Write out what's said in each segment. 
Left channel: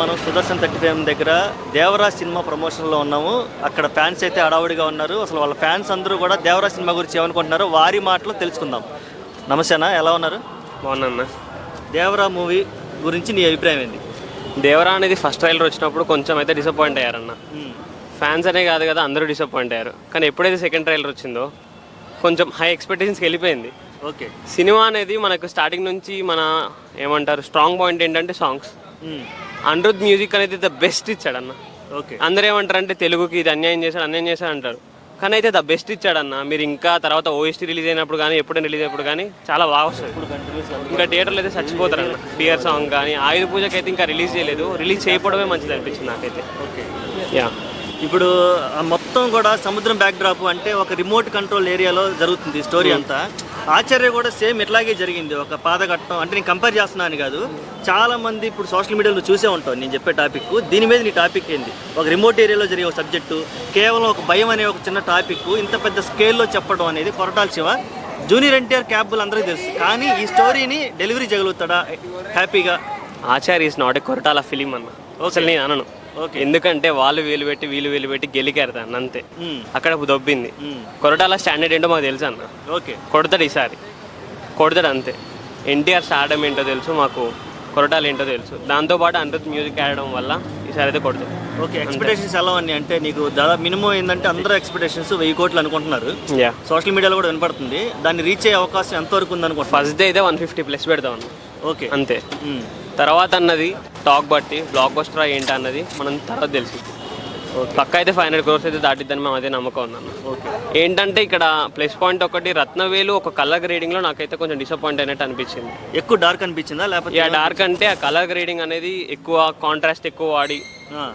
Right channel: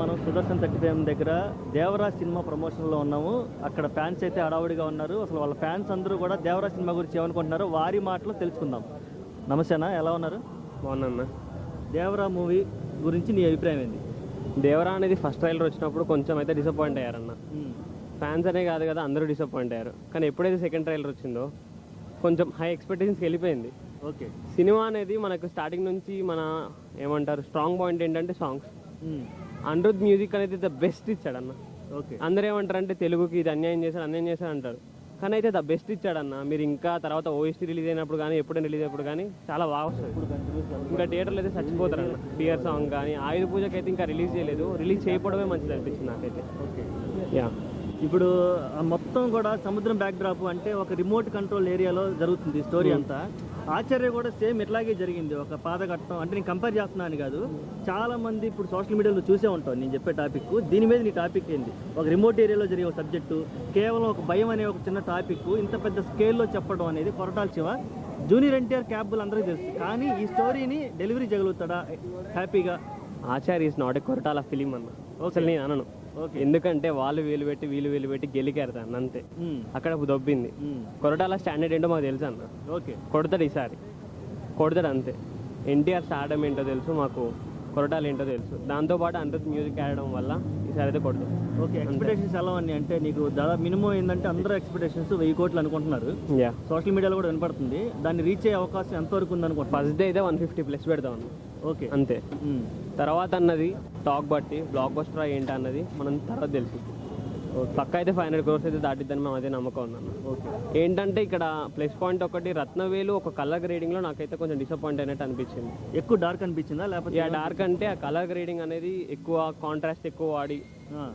మనం సుదర్శన్ 35 దగ్గర దేవరా సినిమా ప్రమోషన్లో ఉన్నాము. అక్కడ ఫ్యాన్స్ అయితే హడావుడిగా ఉన్నారు. అసలు వాళ్ళ ఫ్యాన్స్ అందరూ కూడా దేవరా సినిమా గురించి ఏమనుకుంటున్నారో వారి మాటలో తెలుసుకుందాం. నమస్తేనా, ఎలా ఉన్నారు? బాగున్నా. దేవరా మూవీ గురించి నీ అభిప్రాయం ఏంది? దేవరా అనేది ఫస్ట్ ట్రైలర్ వచ్చినప్పుడు కొంచెం అయితే డిసప్పాయింట్ అయ్యారన్న. ఫ్యాన్స్ అనే కాదు కదా, అందరూ డిసప్పాయింట్ అయ్యారు. కానీ ఎప్పుడైతే సెకండ్ ట్రైలర్ వచ్చిందో కొంచెం హై ఎక్స్పెక్టేషన్స్కి వెళ్ళిపోయింది. ఓకే, సినిమా అనేది మనకు స్టార్టింగ్ నుంచి మన ఏమంటారు స్ట్రాంగ్ పాయింట్ ఏంటంటే సాంగ్స్. అనిరుద్ మ్యూజిక్ అనేది ద బెస్ట్ ఇచ్చాడన్న. ఓకే, అందరూ ఏమంటారు అంటే తెలుగుకి ఇది అన్యాయం చేశాడు అంటారు. కానీ అయితే ద బెస్ట్ ఇచ్చాడన్న. మీరు ఇంకా తర్వాత ఓఎస్టీ రిలీజ్ అయినప్పుడు కానీ ఎప్పుడైనా రిలీజ్ అయినప్పుడు కానీ చాలా బాగా వస్తుంది. ఇంకా థియేటర్లో అయితే చచ్చిపోతారన్న. ఫియర్ సాంగ్ కానీ ఆయుధ పూజకి అయితే ఇంకా రిలీజ్ చేయలేదు. రిలీజ్ చేయకపోవడమే మంచిది అనిపించింది నాకైతే. Okay, yeah. ఇప్పుడు మొత్తం కూడా సముద్రం బ్యాక్ డ్రాప్ అంటే ఒక రిమోట్ కంట్రోల్ ఏరియాలో జరుగుతుంది స్టోరీ అంతా. ఆచార్య కూడా సేమ్ ఇట్లాగే జరిగింది. ఒక పాదఘట్టం అంటే నేను కంపేర్ చేస్తున్నాను కాదు, చాలా మంది ఇప్పుడు సోషల్ మీడియాలో చూసే ఉంటాను నేను చెప్పే టాపిక్. దీని మీద నీ టాపిక్ ఏంది? ఒక రిమోట్ ఏరియాలో జరిగే ఒక సబ్జెక్టు, కేవలం ఒక భయం అనే ఒక చిన్న టాపిక్ ఇంత పెద్ద స్కేల్లో చెప్పడం అనేది కొరటాల శివ. జూనియర్ ఎన్టీఆర్ క్యాబుల్ అందరికీ తెలుసు, కానీ ఈ స్టోరీని డెలివరీ చేయగలుగుతాడా హ్యాపీగా? Acharya is not a Koratala film అన్న. అసలు నేను అనను. ఓకే, ఎందుకంటే వీళ్ళు వేలు పెట్టి గెలికారు దాన్ని అంతే. అక్కడ దొబ్బింది. కొరటాల స్టాండర్డ్ ఏంటో మాకు తెలుసు అన్న. ఓకే, కొడతాడు ఈసారి, కొడతాడు అంతే. ఎన్టీఆర్ స్టార్డమ్ ఏంటో తెలుసు మాకు, కొరటాల ఏంటో తెలుసు. దాంతోపాటు అనిరుద్ మ్యూజిక్ ఆడడం వల్ల ఈసారి అయితే కొడతాడు. ఓకే, ఎక్స్పెక్టేషన్స్ ఎలా ఉన్నాయి అంటే నీకు దాదాపు మినిమం ఏంటంటే అందరూ ఎక్స్పెక్టేషన్స్ 1000 కోట్లు అనుకుంటున్నారు. యా, సోషల్ మీడియాలో కూడా వినపడుతుంది. దాన్ని రీచ్ అయ్యే అవకాశం ఎంతవరకు ఉందనుకో. ఫస్ట్ డే అయితే 150+ పెడతాం అన్న. ఓకే, అంతే. తర్వాత అన్నది టాక్ బట్టి బ్లాక్ బస్టర్ ఏంటి అన్నది మనం తర్వాత తెలిసి పక్క అయితే 500 crores అయితే దాటిద్దని మేము అదే నమ్మకం ఉందన్న. ఓకే, ఏంటంటే ఇక్కడ ప్లస్ పాయింట్ ఒకటి, రత్నవేలు ఒక కలర్ గ్రేడింగ్లో నాకైతే కొంచెం డిసప్పాయింట్ అయినట్టు అనిపించింది. ఎక్కువ డార్క్ అనిపించిందా లేకపోతే? డార్క్ అంటే ఆ కలర్ గ్రేడింగ్ అనేది ఎక్కువ కాంట్రాస్ట్ ఎక్కువ వాడి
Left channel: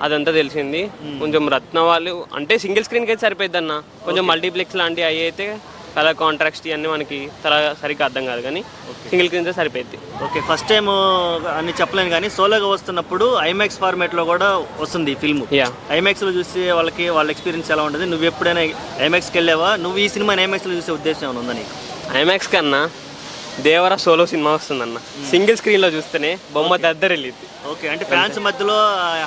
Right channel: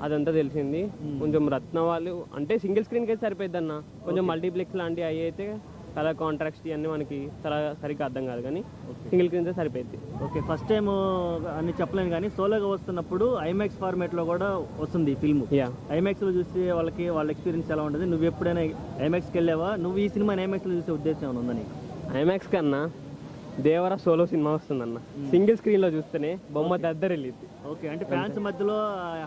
అదంతా తెలిసింది. కొంచెం రత్న వాళ్ళు అంటే సింగిల్ స్క్రీన్కి అయితే సరిపోద్ది అన్న. కొంచెం మల్టీప్లెక్స్ లాంటివి అవి అయితే కలర్ కాంట్రాక్ట్ ఇవన్నీ మనకి సరిగ్గా అర్థం కాదు, కానీ సింగిల్ స్క్రీన్ సరిపోద్ది. ఓకే, ఫస్ట్ టైం అని చెప్పలేను కానీ సోలోగా వస్తున్నప్పుడు ఐమాక్స్ ఫార్మేట్లో కూడా వస్తుంది ఫిల్మ్. ఐమాక్స్లో చూసి వాళ్ళ ఎక్స్పీరియన్స్ ఎలా ఉంటుంది? నువ్వు ఎప్పుడైనా ఐమాక్స్కి వెళ్ళావా? నువ్వు ఈ సినిమాని ఐమాక్స్లో చూసే ఉద్దేశం ఏమైనా ఉందా నీకు? ఐమాక్స్ కన్నా దేవరా సోలో సినిమా వస్తుందన్న. సింగిల్ స్క్రీన్లో చూస్తేనే బొమ్మ దద్దరు వెళ్ళింది. ఓకే, అంటే ఫ్యాన్స్ మధ్యలో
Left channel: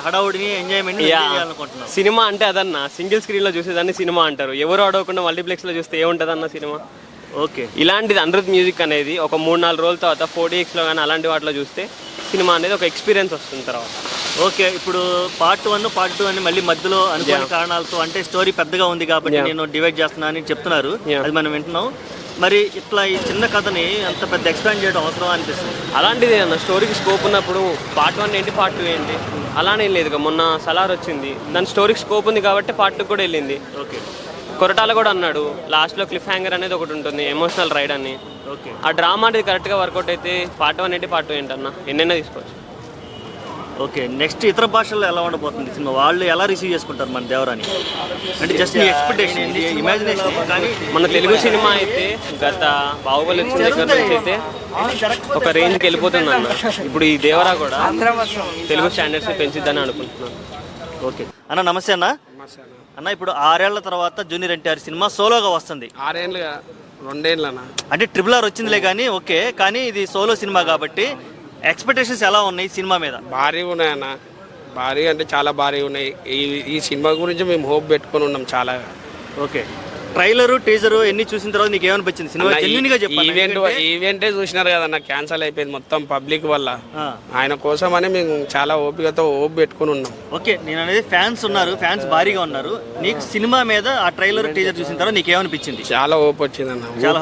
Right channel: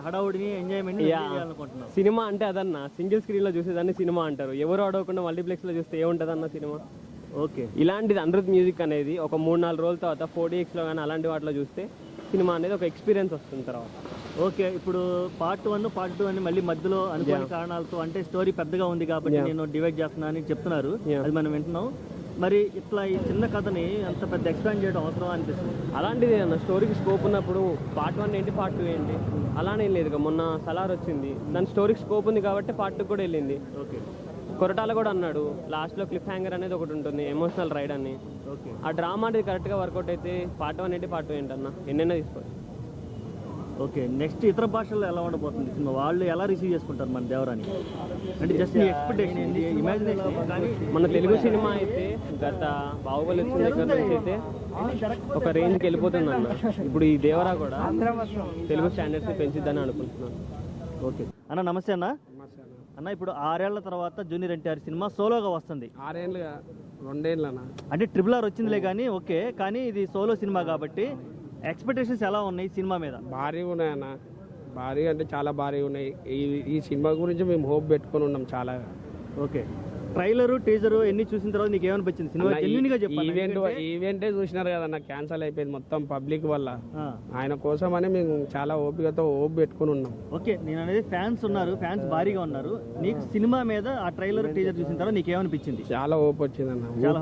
హడావుడిని ఎంజాయ్మెంట్ చేయాలనుకుంటున్నాను. సినిమా అంటే అదన్న. సింగిల్ స్క్రీన్లో చూసేదాన్ని సినిమా అంటారు. ఎవరు అడగకుండా మల్టీప్లెక్స్లో చూస్తే ఏముంటుంది అన్న సినిమా. ఓకే, ఇలాంటిది అనిరుద్ మ్యూజిక్ అనేది ఒక 3-4 రోజుల తర్వాత 4DXలో కానీ అలాంటి వాటిలో చూస్తే సినిమా అనేది ఒక ఎక్స్పీరియన్స్ వస్తుంది తర్వాత. ఓకే, ఇప్పుడు పార్ట్ 1 పార్ట్ 2 అని మళ్ళీ మధ్యలో అనుకోని కారణాలతో అంటే స్టోరీ పెద్దగా ఉంది కాబట్టి నేను డివైడ్ చేస్తున్నా అని చెప్తున్నారు. అది మనం వింటున్నాం. మరి ఇట్లా ఈ చిన్న కథని అంత పెద్ద ఎక్స్పాండ్ చేయడం అవసరం అనిపిస్తుంది. అలాంటిది అన్న. స్టోరీకి స్కోప్ ఉన్నప్పుడు పార్ట్ 1 ఏంటి పార్ట్ 2 ఏంటి అలానే లేదు. మొన్న సలార్ వచ్చింది, దాని స్టోరీకి స్కోప్ ఉంది కాబట్టి పార్ట్ 2 కూడా వెళ్ళింది. ఓకే, కొరటాల కూడా అన్నాడు లాస్ట్లో క్లిఫ్ హ్యాంగర్ అనేది ఒకటి ఉంటుంది, ఎమోషనల్ రైడ్ అని. ఓకే, ఆ డ్రామా అనేది కరెక్ట్గా వర్కౌట్ అయితే పార్ట్ 1 ఏంటి పార్ట్ 2 ఏంటన్నా ఎన్నైనా తీసుకోవచ్చు. ఓకే, నెక్స్ట్ ఇతర భాషల్లో ఎలా ఉండబోతుంది సినిమా? వాళ్ళు ఎలా రిసీవ్ చేసుకుంటారు మన దేవరాని? అంటే జస్ట్ మీ ఎక్స్పెక్టేషన్, ఇమాజినేషన్. కానీ మన తెలుగు సినిమా అయితే గత బాహుబలి వచ్చిన దగ్గర నుంచి అయితే ఒక రేంజ్కి వెళ్ళిపోతుంది అన్న. ఇప్పుడు ఈ దేవరా కూడా తెలుగు స్టాండర్డ్స్ పెంచిద్దని అనుకుంటున్నాను. ఓకే అన్న, నమస్తే అన్న. అన్న, ఇప్పుడు 6 ఏళ్ల తర్వాత జూనియర్ ఎన్టీఆర్ సినిమా సోలోగా వస్తుంది. 6 ఏళ్ళు 2 ఏళ్ళు అన్న. అంటే ట్రిపుల్ ఆర్ వచ్చిందిలే కానీ ఓకే, కానీ ఇది సోలో సినిమా కాబట్టి ఎక్స్పెక్టేషన్స్ ఎలా ఉన్నాయి సినిమా మీద? భారీగా ఉన్నాయన్న. భారీ అంటే చాలా భారీగా ఉన్నాయి. ఈ సినిమా గురించి మేము హోప్ పెట్టుకొని ఉన్నాం చాలా. ఓకే, ట్రైలర్ టీజర్ ఎన్ని చూసిన తర్వాత నీకు ఏమనిపించింది సినిమా? జెన్యూన్ గా చెప్పండి. ఈవెంటే చూసినారు కదన్న, క్యాన్సల్ అయిపోయింది మొత్తం పబ్లిక్ వల్ల. ఆయన కోసం అని మేము చాలా ఓపికతో హోప్ పెట్టుకుని ఉన్నాం. ఓకే, నేను అనేది ఫ్యాన్స్ ఉన్నారు, ఫ్యాన్స్ భారీగా ఉన్నారు. నీకు సినిమా మీద ఆ ట్రైలర్ టీజర్ చూసిన తర్వాత నీకు ఏమనిపించింది? చాలా హోప్ వచ్చింది అన్న. చాలా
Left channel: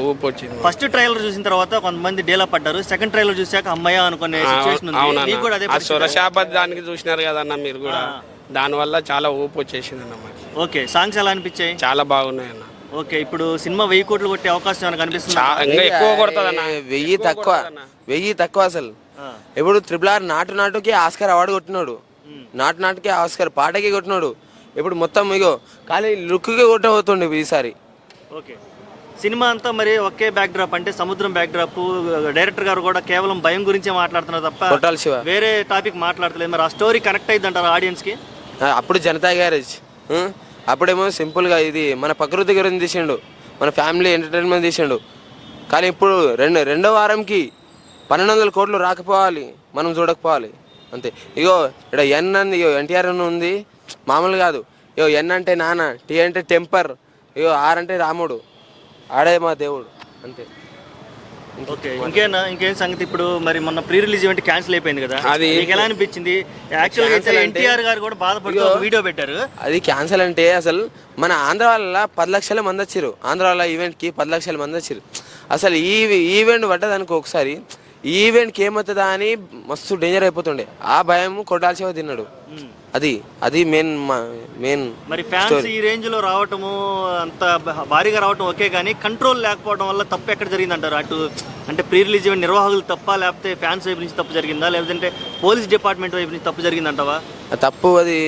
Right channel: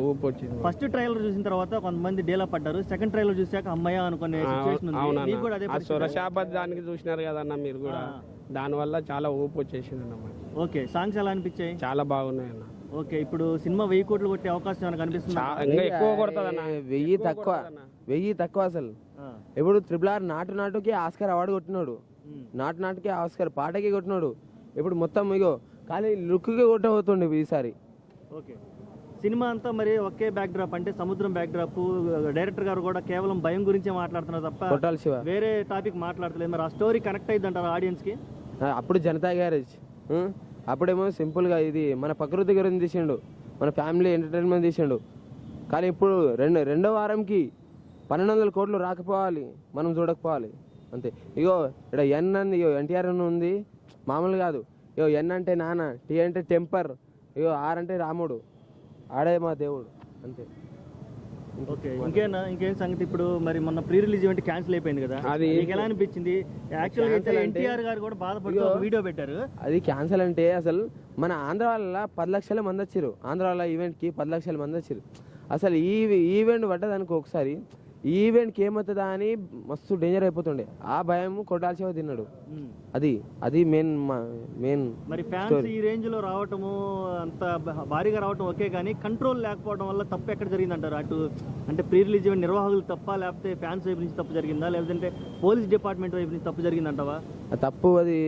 హోప్ వచ్చింది. ఫస్ట్ ట్రైలర్ చూసిన తర్వాత కొంతమంది డేలా పడ్డారు, సెకండ్ ట్రైలర్ చూసాక అమ్మాయి అనుకునే సిచువేషన్ ఉంది. నీకు కూడా అదే సొరశాపత్ దానికి చూసినారు కదన్న మీరు కూడా, దానివల్ల చాలా ఊపు వచ్చేసింది అన్న మాకు. ఓకే, సాంగ్స్ ఎలా అనిపించాయి? చాలా బాగున్నాయి అన్న. ఓకే, ఇప్పుడు సినిమా 1000 కోట్లు కొట్టే అవకాశం ఏమైనా కనిపిస్తుంది? ఇంకా ఎక్కువ కొడుతుంది అన్న. 1000 తక్కువ అసలు. ఇప్పుడు RRR నాటుకి ఆస్కార్ అవార్డు కొట్టినాడు, నాటుకి ఆస్కార్ పాటకి కొట్టినాడు. ఇప్పుడు మొత్తం ఇగో ఖాళీ లుక్కి కొట్టబోతుండే ఈసారి. ఓకే, సినిమా అంతా మరి ఒకే బ్యాక్ డ్రాప్ అంటే సముద్రం బ్యాక్ డ్రాప్. డైరెక్టర్ గారు కూడా కేవలం భయం గురించే మాట్లాడుతున్నారు తప్ప కొట్టాల శివ వేరే టాపిక్ మాట్లాడలేదు. మరి ఆ స్టోరీ కనెక్ట్ అయింది అంటారు ఆడియన్స్ కి? అప్పుడు జనతా గ్యారేజ్, అప్పుడేమో సింపుల్గా ఇది మన ప్రకృతి గురించి తీసిండు, మన ఫ్యామిలీ ఎంటర్టైన్మెంట్ తీసిండు. కానీ ఇప్పుడు రెండో వారంకి 1200 కోట్లు రాకపోవాలి, మనం చూడకపోవాలి. అంతే. ఇగో ఇక్కడ ఎన్ అని ఇగో ఎన్టీఆర్ అని ఉంది, మామూలు కాదు. ఇగో ఎన్ అంటే నాన్న, టీ అంటే టెంపర్, ఇగో ఆర్ అంటే రాముడు, ఆడే మా దేవుడు అంతే. ఓకే, ఇంకేం సంగతి? ఇప్పుడు మరి మొన్న ప్రీ రిలీజ్ ఈవెంట్ క్యాన్సిల్ అయిపోయింది కదా, అది మీకు ఎలా అనిపించింది? యాక్చువల్గా అయితే ఎన్టీఆర్ గారు కూడా బాధపడుతూ ఒక వీడియో పెట్టారు. అది క్యాన్సల్ అంటే అసలు మన ఆంధ్ర వాళ్ళ 10 లక్షల మంది వచ్చారు. ఆంధ్ర వాళ్ళ ఈవెంట్కి 10 లక్షల మంది వచ్చారు. అసలు ఈ ఈవెంట్ పడ్డదనుకో ఒకసారి, ఈ ఈవెంట్కి ఏమవుతుందా అని మస్తు డేంజర్ అయిపోతుండే. ఆ భయం కొట్టాల్సి తిన్నాడు. అది మెయిన్. మరి ఫ్యాన్స్ ఈ రేంజ్ లో రావటము, అంత భారీగా రావటం ఓకే, కానీ కంట్రోల్ లేకపోవడం వల్ల తప్పు ఎక్కడ జరిగింది అంటారు? అటు అంటే ప్రీ రిలీజ్ ఈవెంట్ నిర్వాహకులు తప్ప, లేకపోతే ఫ్యాన్స్ వైపు నుంచి తప్పు జరిగిందా, లేదంటే పోలీస్ డిపార్ట్మెంట్ వైపు నుంచి తప్పు జరిగిందంటావా? తప్పు అది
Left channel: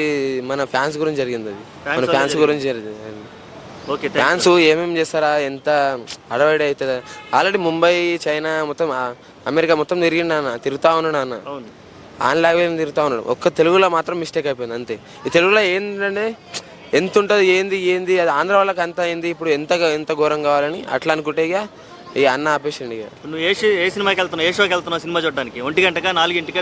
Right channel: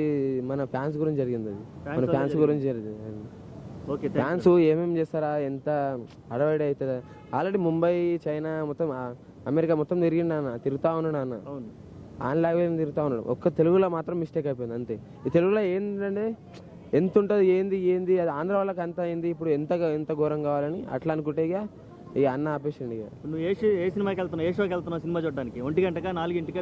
మన ఫ్యాన్స్ గురించి జరిగింది. అది మన ఫ్యాన్స్ గురించి జరిగింది. ఓకే, ఫ్యాన్స్ ఏమేమి చేస్తారా, ఎంత అడవడి అవుతుందా? ఆల్రెడీ ముంబై, చైనా మొత్తం, అమెరికా మొత్తం తిరుగుతా ఉన్నాడు అన్న. ఆన్ లాంగ్వేజ్ తిరుగుతా ఉన్నాడు. ఒక్క తెలుగులో మాత్రం మిస్టేక్ అయిపోయింది అంతే. ఈ తెలుగులో ఏంటంటే ఎంత ఉంటుంది, ఏంది అది ఆంధ్ర వాళ్ళకి అంత ఏంది, ఇప్పుడు ఎంత ఘోరం కావాలని అట్లా అనుకుంటే ఇక అన్న ఆపేసిండి. ఇక నువ్వు ఏ సినిమాకి వెళ్తున్నావు, ఏ షోకి వెళ్తున్నావు సినిమా చూడడానికి? 1 గంటకా 4 గంటకా?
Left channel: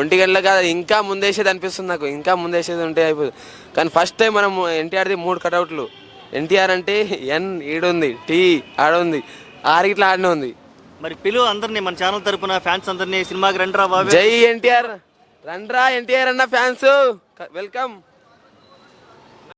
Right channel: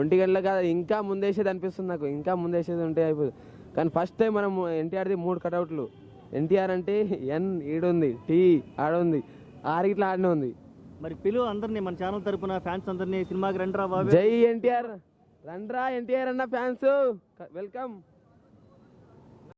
ఒంటి గంటల కాదు, ఇంకా ముందేసేది అనిపిస్తుంది నాకు. ఇంకా ముందేసేది ఉంటే అయిపోతుంది. కానీ ఫస్ట్ టైం మనం ఎన్టీఆర్ది 3 కటౌట్లు. ఎన్టీఆర్ అంటే ఎన్ ఈడుంది, టీ ఆడుంది, ఆరిగిట్లా ఆడనే ఉంది. మరి పిలువు అందరినీ, మన ఛానల్ తరపున ఫ్యాన్స్ అందరినీ సినిమాకి రండిరా బాబు. జై ఎన్టీఆర్, రండ్రా ఎన్టీఆర్ అన్న ఫ్యాన్స్, వెల్కమ్.